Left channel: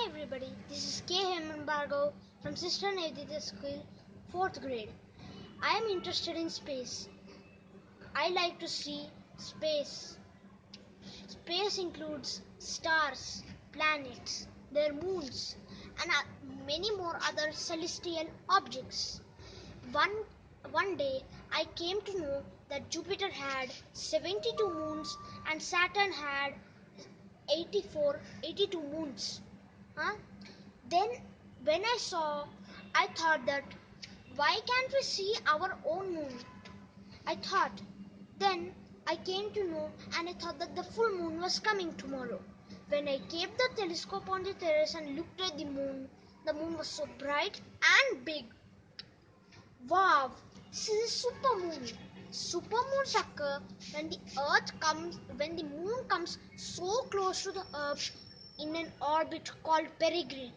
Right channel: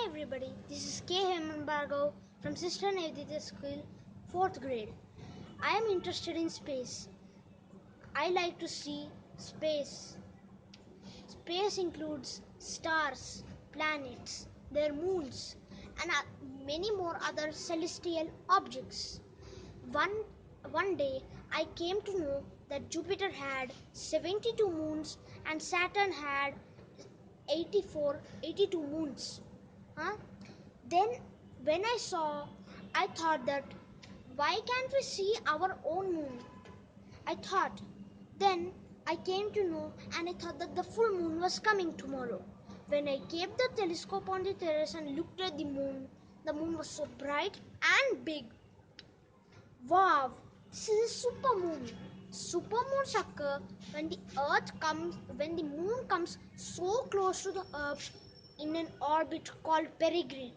Hi everybody, this is K. Hembargo from Sister Navadita School, 4th grade. I am interested in space. I like to see space. Space includes stars, planets, their moons, and many more other celestial objects. One day I came to know that Jupiter had 72 moons and Saturn had 82 moons. Then when I thought that why can't we see our own moon? I thought. Then I came to know and I thought that the full moon was coming tomorrow. When I kept the telescope on the terrace and looked at the moon was so bright and big. Wow, this is a super moon. Supermoons occur when the moon comes so close to the earth in an orbit called Perigee.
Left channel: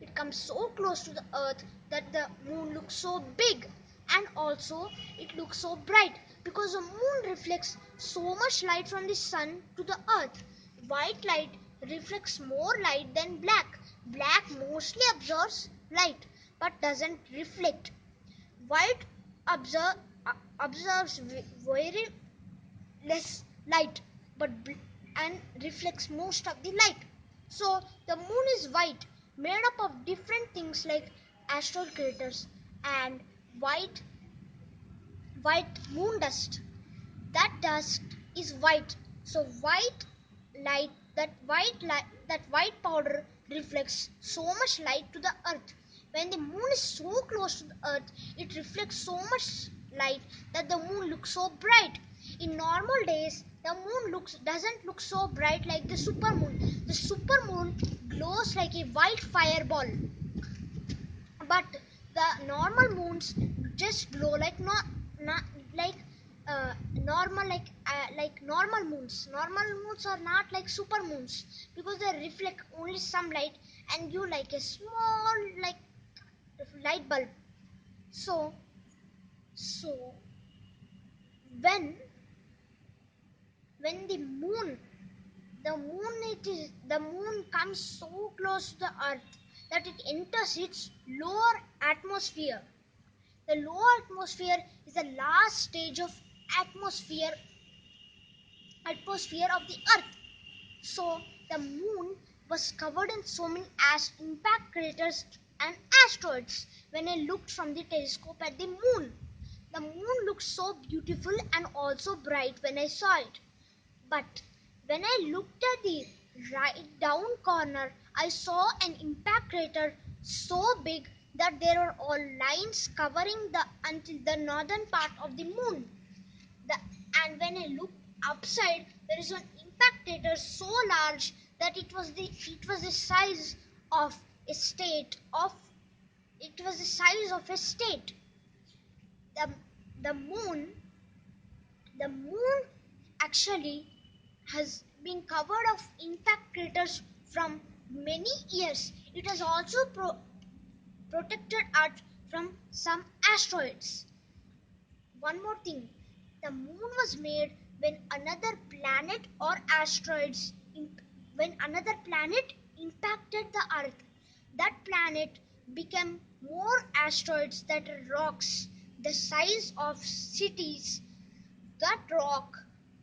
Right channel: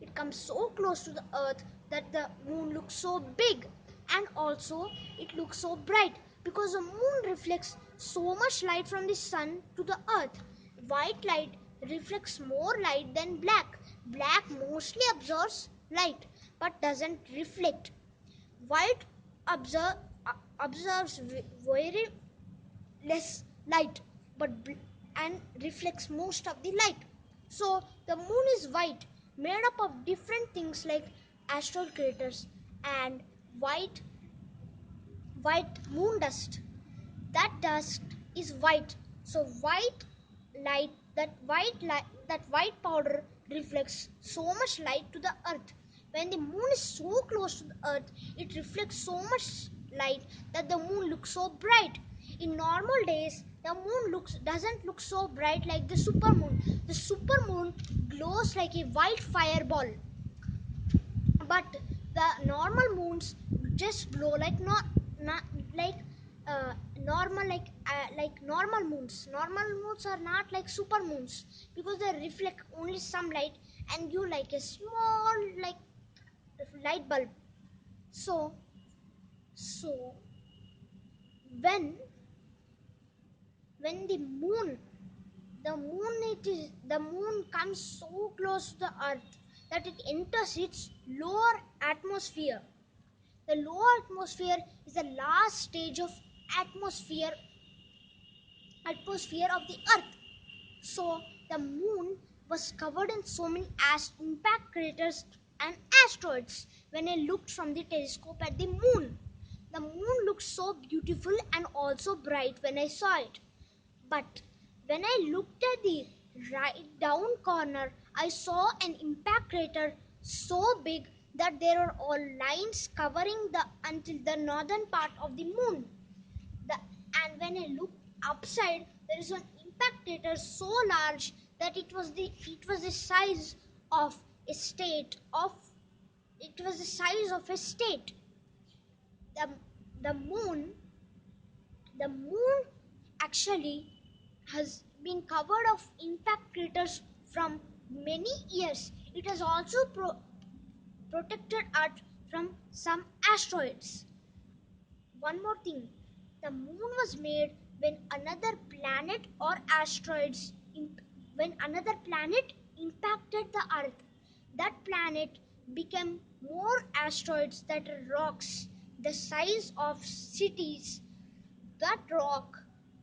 It comes so close to the earth that the moon looks so big, and also it looks so bright because the moon reflects so much light from the sun to the earth. White light reflects more light than black. Black mostly absorbs light but doesn't reflect. White observes very less light and reflects most of the light. So the moon is white, made up of different things like asteroid craters and white moon dust. That dust is white. So that white powder reflects so much light to the earth. When the moon is so close to the earth, it reflects so much light that the moon looks so bright. In normal days, the moon doesn't look so bright like the supermoon. The supermoon glows like a white fireball. But the normal moons just glow like normal moons. Normal moons are not like super moons because they reflect only some light and give like a small light bulb. So when the moon comes so close to the earth that it enters its lower atmosphere. The lower atmosphere is the last stage of atmosphere of the earth. So the moon was covered in so many impact craters and asteroids. When I looked from the telescope at the moon looked so beautiful and also bright when I saw it. But when I looked at the right down corner, I saw an impact crater so big that there were all lines covering until the northern part of the moon. And when I looked upside, there is an impact crater so large that it was the size of a state. The moon actually has been covered of impact craters from many years. It has also protected Earth from some asteroids. One more thing, the moon was made when another planet impacted the Earth. That planet became more asteroids that are rocks the size of cities. That rock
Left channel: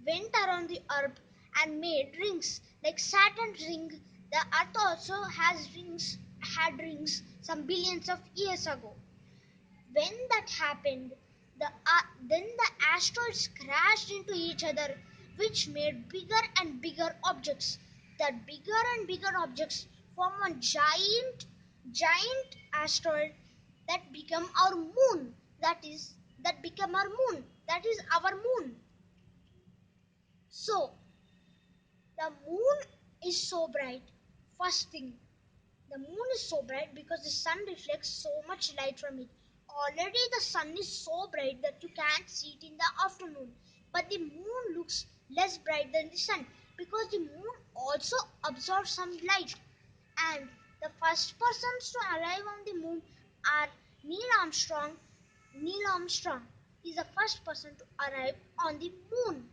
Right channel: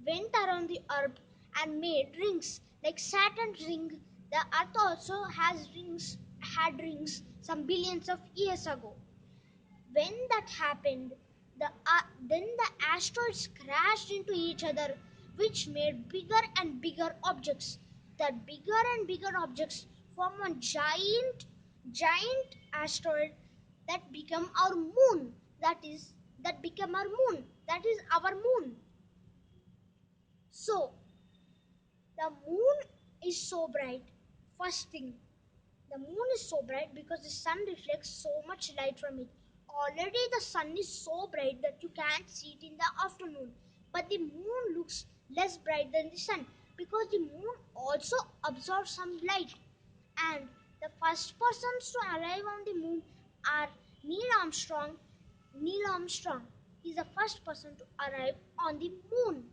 went around the earth and made rings like Saturn's ring. The earth also had rings some billions of years ago. When that happened, then the asteroids crashed into each other, which made bigger and bigger objects. That bigger and bigger objects form one giant asteroid that became our moon. That is our moon. So the moon is so bright. First thing, the moon is so bright because the sun reflects so much light from it. Already the sun is so bright that you can't see it in the afternoon. But the moon looks less bright than the sun because the moon also absorbs some light. And the first persons to arrive on the moon are Neil Armstrong. Neil Armstrong is the first person to arrive on the moon.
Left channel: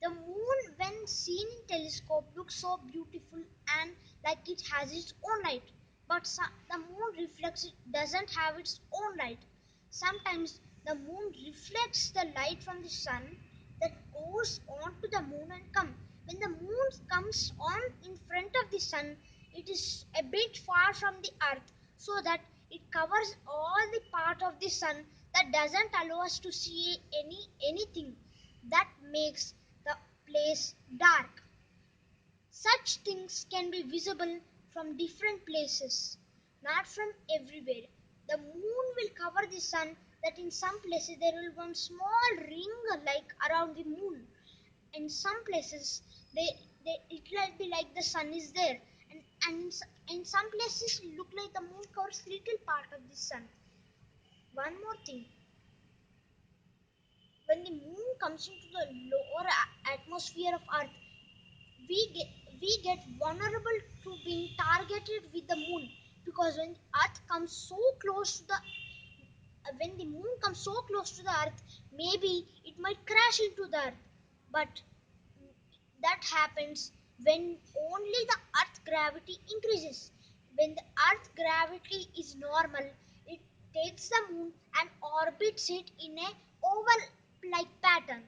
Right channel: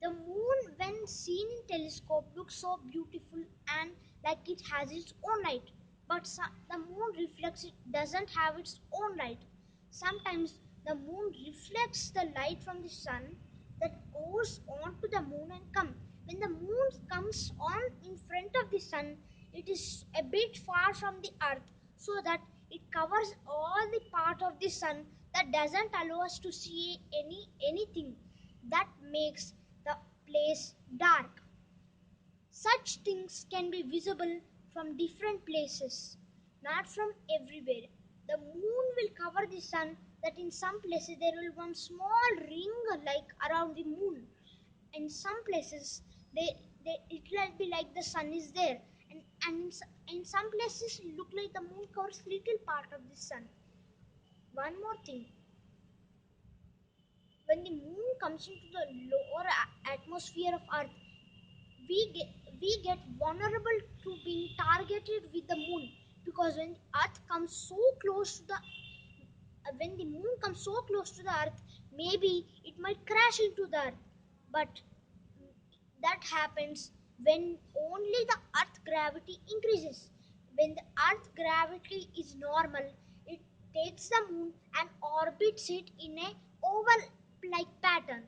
The moon, when seen in telescope, looks so beautiful and like it has its own light. But the moon reflects it doesn't have its own light. Sometimes the moon reflects the light from the sun that goes on to the moon and come. When the moon comes on in front of the sun, it is a bit far from the earth so that it covers all the part of the sun that doesn't allow us to see anything that makes the place dark. Such things can be visible from different places, not from everywhere. The moon will cover the sun, that in some places there will be one small ring like around the moon. In some places it will be like the sun is there, and in some places it look like the moon covers little part of the sun. One more thing, when the moon comes into the lower atmosphere of earth, we get we get vulnerable to being targeted with the moon, because when the moon comes so close to the earth, maybe it might crash into the earth. But that happens when only the earth gravity increases. When the earth gravity is normal, it takes the moon and orbits it in a oval like pattern.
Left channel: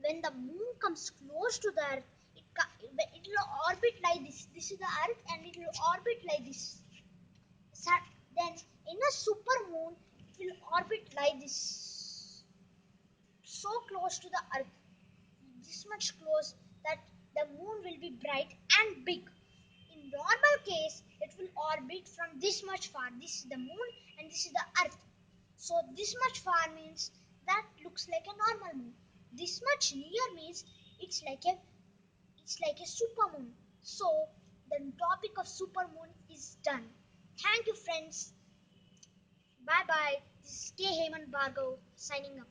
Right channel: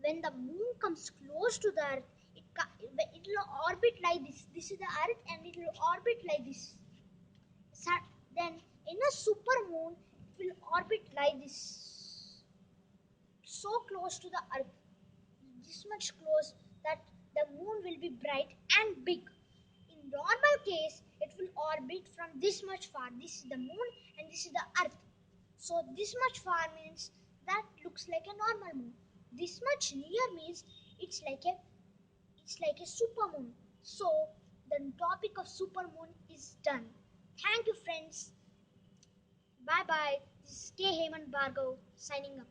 When the moon comes close to the earth, it will orbit like this is the earth, and it will orbit like this. Then in a super moon it will orbit like this, so close to the earth, this much close that the moon will be bright and big. In normal case, it will orbit from this much far. This is the moon and this is the earth. So this much far means that looks like a normal moon. This much near means it's like a it's like a super moon. So the topic of super moon is done. Thank you, friends. Bye bye. This is K. Heyman Bhargav signing up.